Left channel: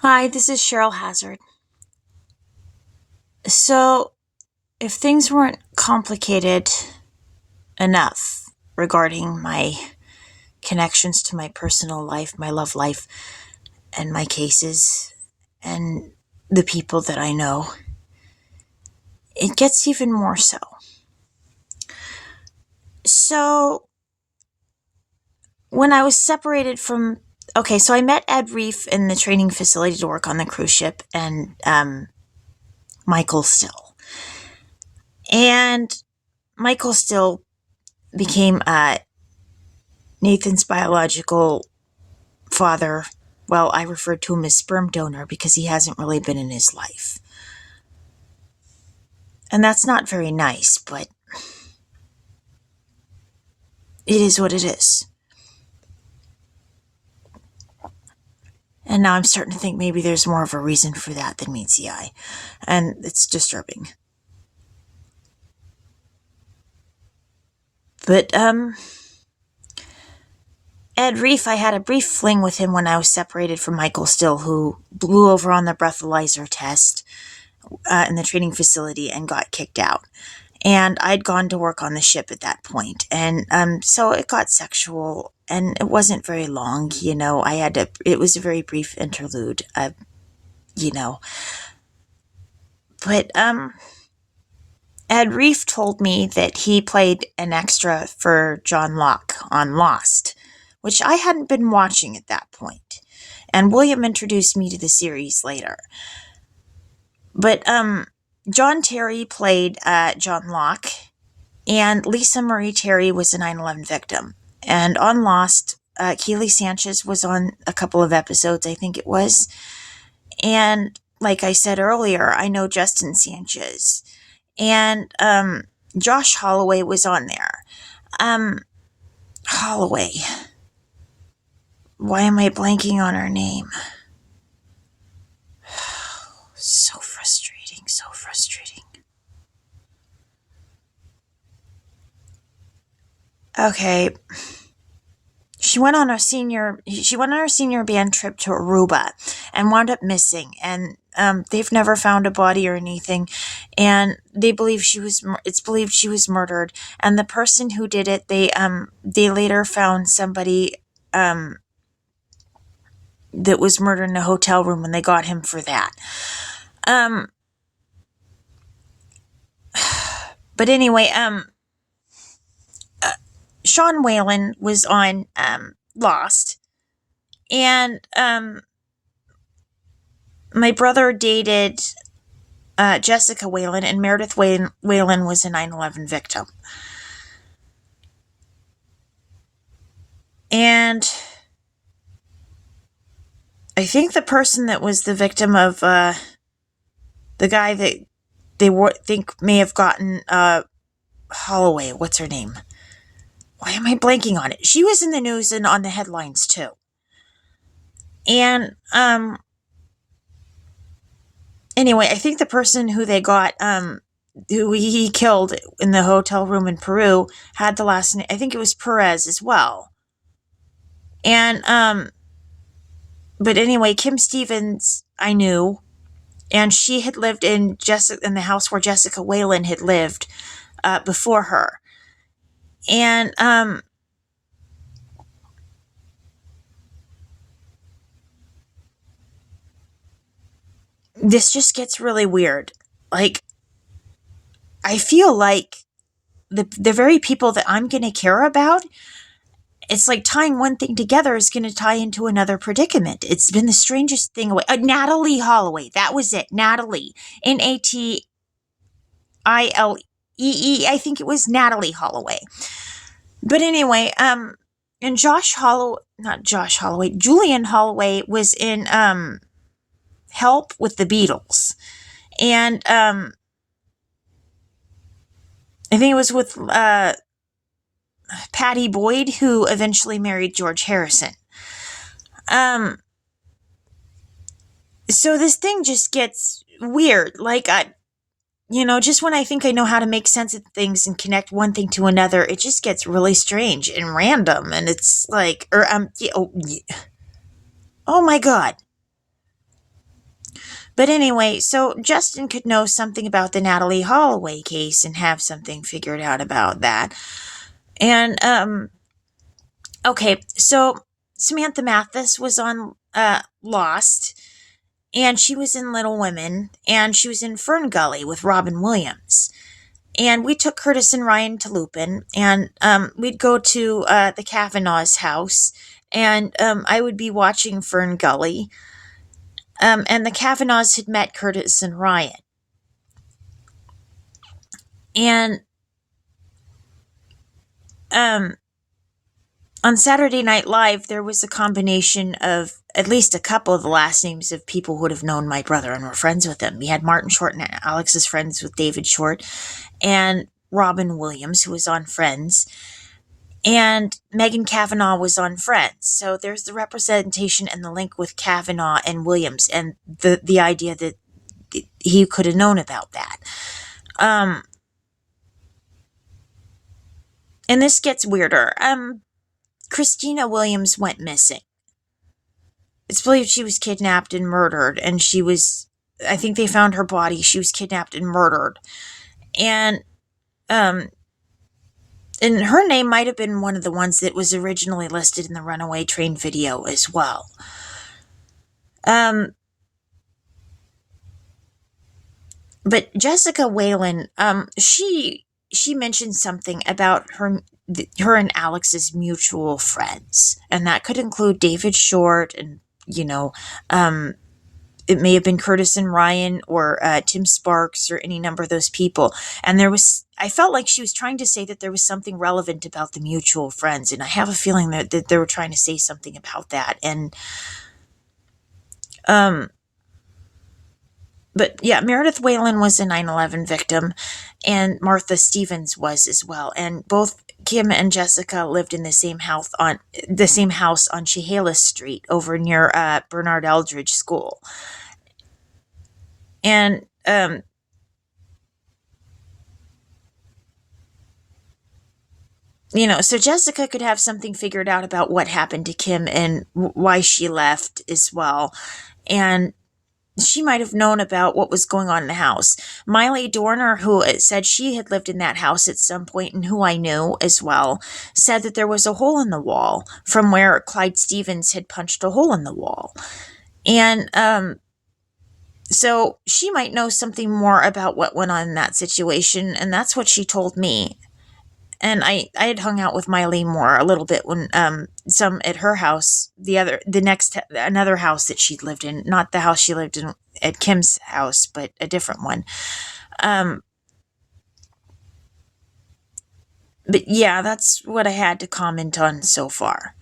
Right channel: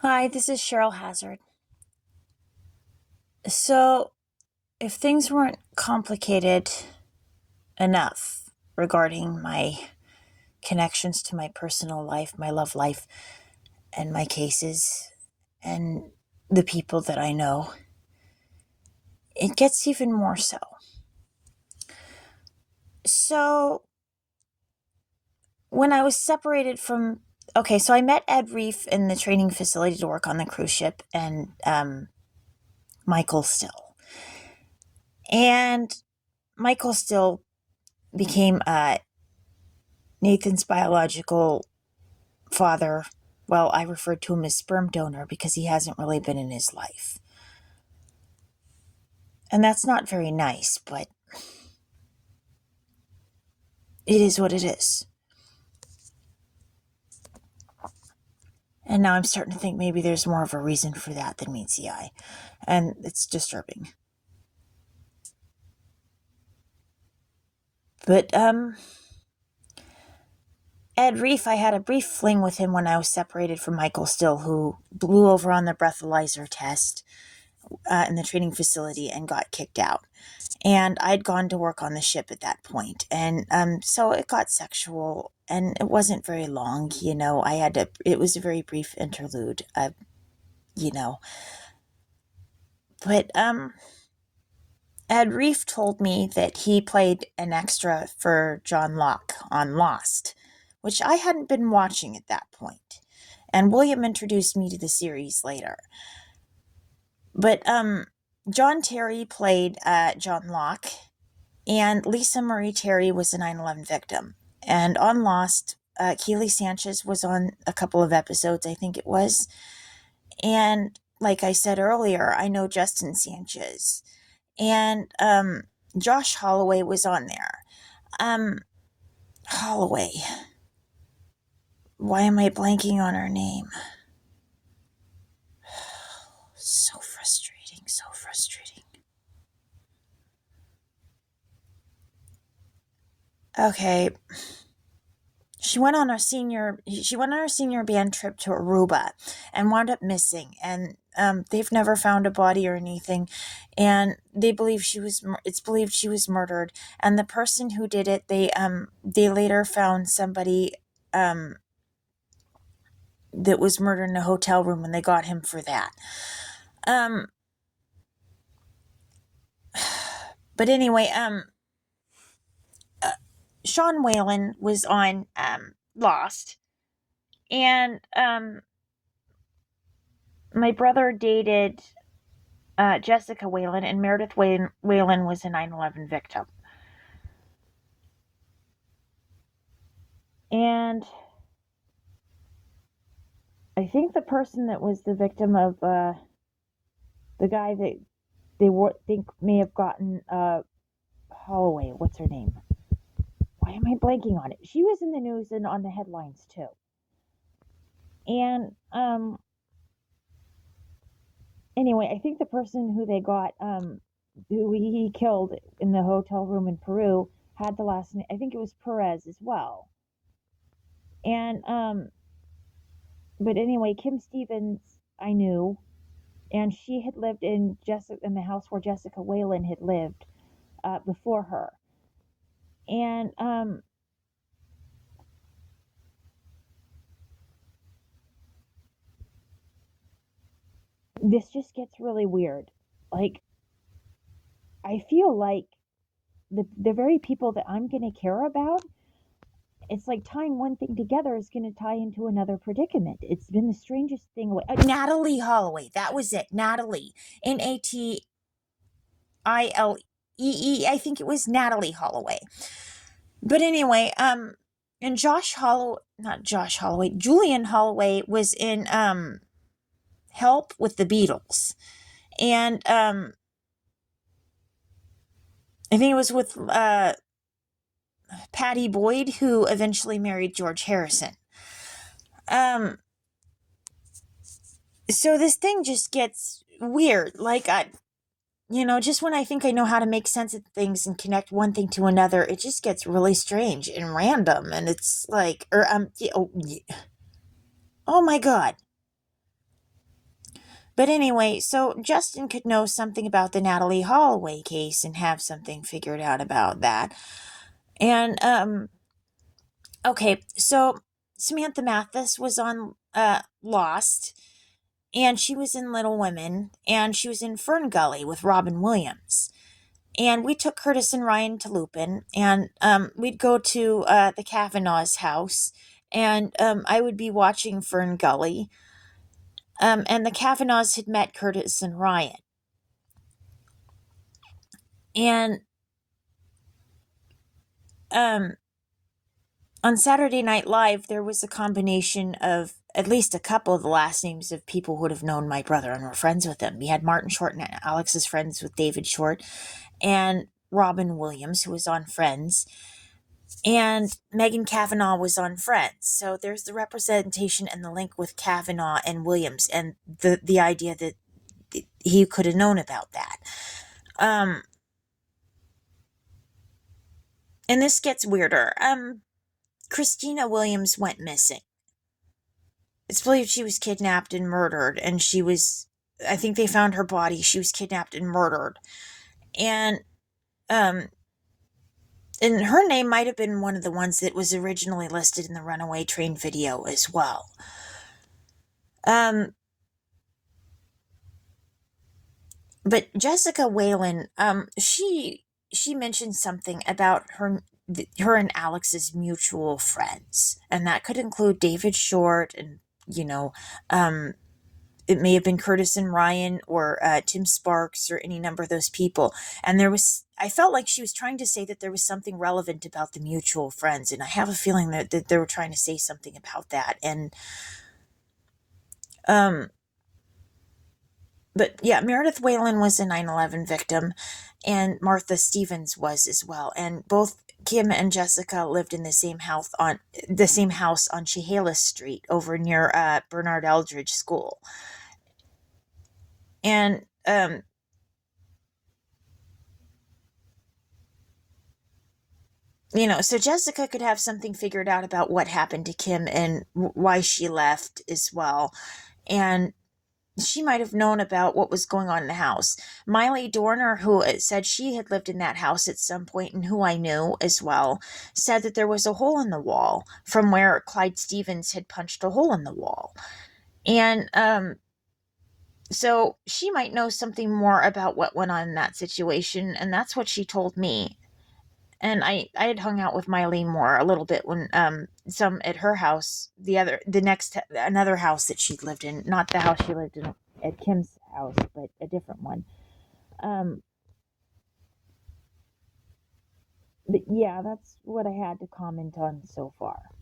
Hi, this is Cheryl Hazzard. So, if things weren't complicated enough regarding my connections to my personal life, my love life, and my cases, and the people that I know, it gets even more so. So, when I was separated from, okay, so I met Ed Reef in the training facility to work on the cruise ship, and Michael Still. And Michael Still became Nathan's biological father. Well, I referred to him as sperm donor because he hasn't really been in his life. And that's not very nice, but it is what it is. And now I'm starting to think maybe there's more of a reason for that than meets the eye. And it's disturbing. But, Ed Reef, I had a brief fling with him when I was separated from Michael Still, who blew over on the breathalyzer test in the training facility and got kicked out. And I'd gone to work on the ship at that point. And so it got sexual, and it wasn't very long. It was a very brief interlude, you know. But Ed Reef told me that he played an extra for John Locke on Lost, which I hadn't been watching at that point. And William introduced me to the series later. But John Terry played John Locke, and Lisa Marie Terry was a 9/11 victim. And on Lost, Keely Sanchez was on a couple of episodes, I think it was. And like I said earlier, I know Justin Sanchez. And Josh Holloway was on there. Holloway. Why am I blanking on her name? So frustrating, so frustrating. Okay. She went on her senior band trip to Aruba and wound up missing, and they've never found a body or anything, and it's believed she was murdered, and the person who did it, they later found somebody that was murdered in a hotel room, and they got him for that. But anyway, Sean Whalen was on Lost, and my brother dated Jessica Whalen, and Meredith Whalen was a 9/11 victim. And I think the person that was the victim of the guy that they think may have gotten Holloway, what's her name? Why am I blanking on it? She was in the news and on the headlines too. And anyway, I think the person who they got who he killed in the hotel room in Peru had the last name, I think it was Perez as well. And but anyway, Kim Stevens I knew, and she had lived in the house where Jessica Whalen had lived before her. And this just gets really weird. Like, I feel like the very people that I'm going to care about, it's like tying one thing together is going to tie into another predicament. It's been the strangest thing. Natalie Holloway. That was it. Natalie. Natillee. I think it was Natalie Holloway. But anyway, and Julian Holloway was in Help with the Beatles. And I think it was with Patty Boyd, who eventually married George Harrison. So this thing just gets weird. Like, just when I think I know how to make sense of things and connect one thing to another, it just gets really strange and random. And it's like, oh my God. But anyway, so Justin could know something about the Natalie Holloway case and have something figured out about that. And, okay, so Samantha Mathis was on Lost, and she was in Little Women, and she was in Fern Gully with Robin Williams. And we took Curtis and Ryan to Lupin, and we'd go to the Kavanaugh's house, and I would be watching Fern Gully. And the Kavanaughs had met Curtis and Ryan. And on Saturday Night Live, there was a combination of at least a couple of the last names of people who would have known my brother and were friends with him. We had Martin Short, and Alex is friends with David Short, and Robin Williams, who was on Friends, and Megan Kavanaugh was on Friends. So there's the representation and the link with Kavanaugh and Williams, and the idea that he could have known about that. And this gets weirder. Christina Williams went missing. It's believed she was kidnapped and murdered, and I think they found her body. She was kidnapped and murdered. And her name might have been one of the ones that was originally listed in the Runaway Train video as well. But Jessica Whalen, she mentioned something about her and Alex's mutual friends, and that could include David Short, and it may have been Curtis and Ryan, or Tim Sparks, or any number of those people. And I felt like she was trying to say that there was something relevant about the mutual friends, and I have a feeling that they were trying to say something about that. And but yeah, Meredith Whalen was a 9/11 victim, and Martha Stevens was as well. And both Kim and Jessica lived in the same house on Chehalis Street over near Bernard Eldridge School. And so Jessica could have something figured out about what happened to Kim and why she left as well. And she might have known about what was going on in the house. Miley Dorner, who said she had lived in that house at some point, and who I knew as well, said that there was a hole in the wall from where Clyde Stevens had punched a hole in the wall. And so she might know something more about what went on in that situation, and that's what she told me. And I had hung out with Miley more a little bit when some at her house, another house that she'd lived in, not the house she lived in at Kim's house, but a different one. But yeah, that's what I had to comment on so far.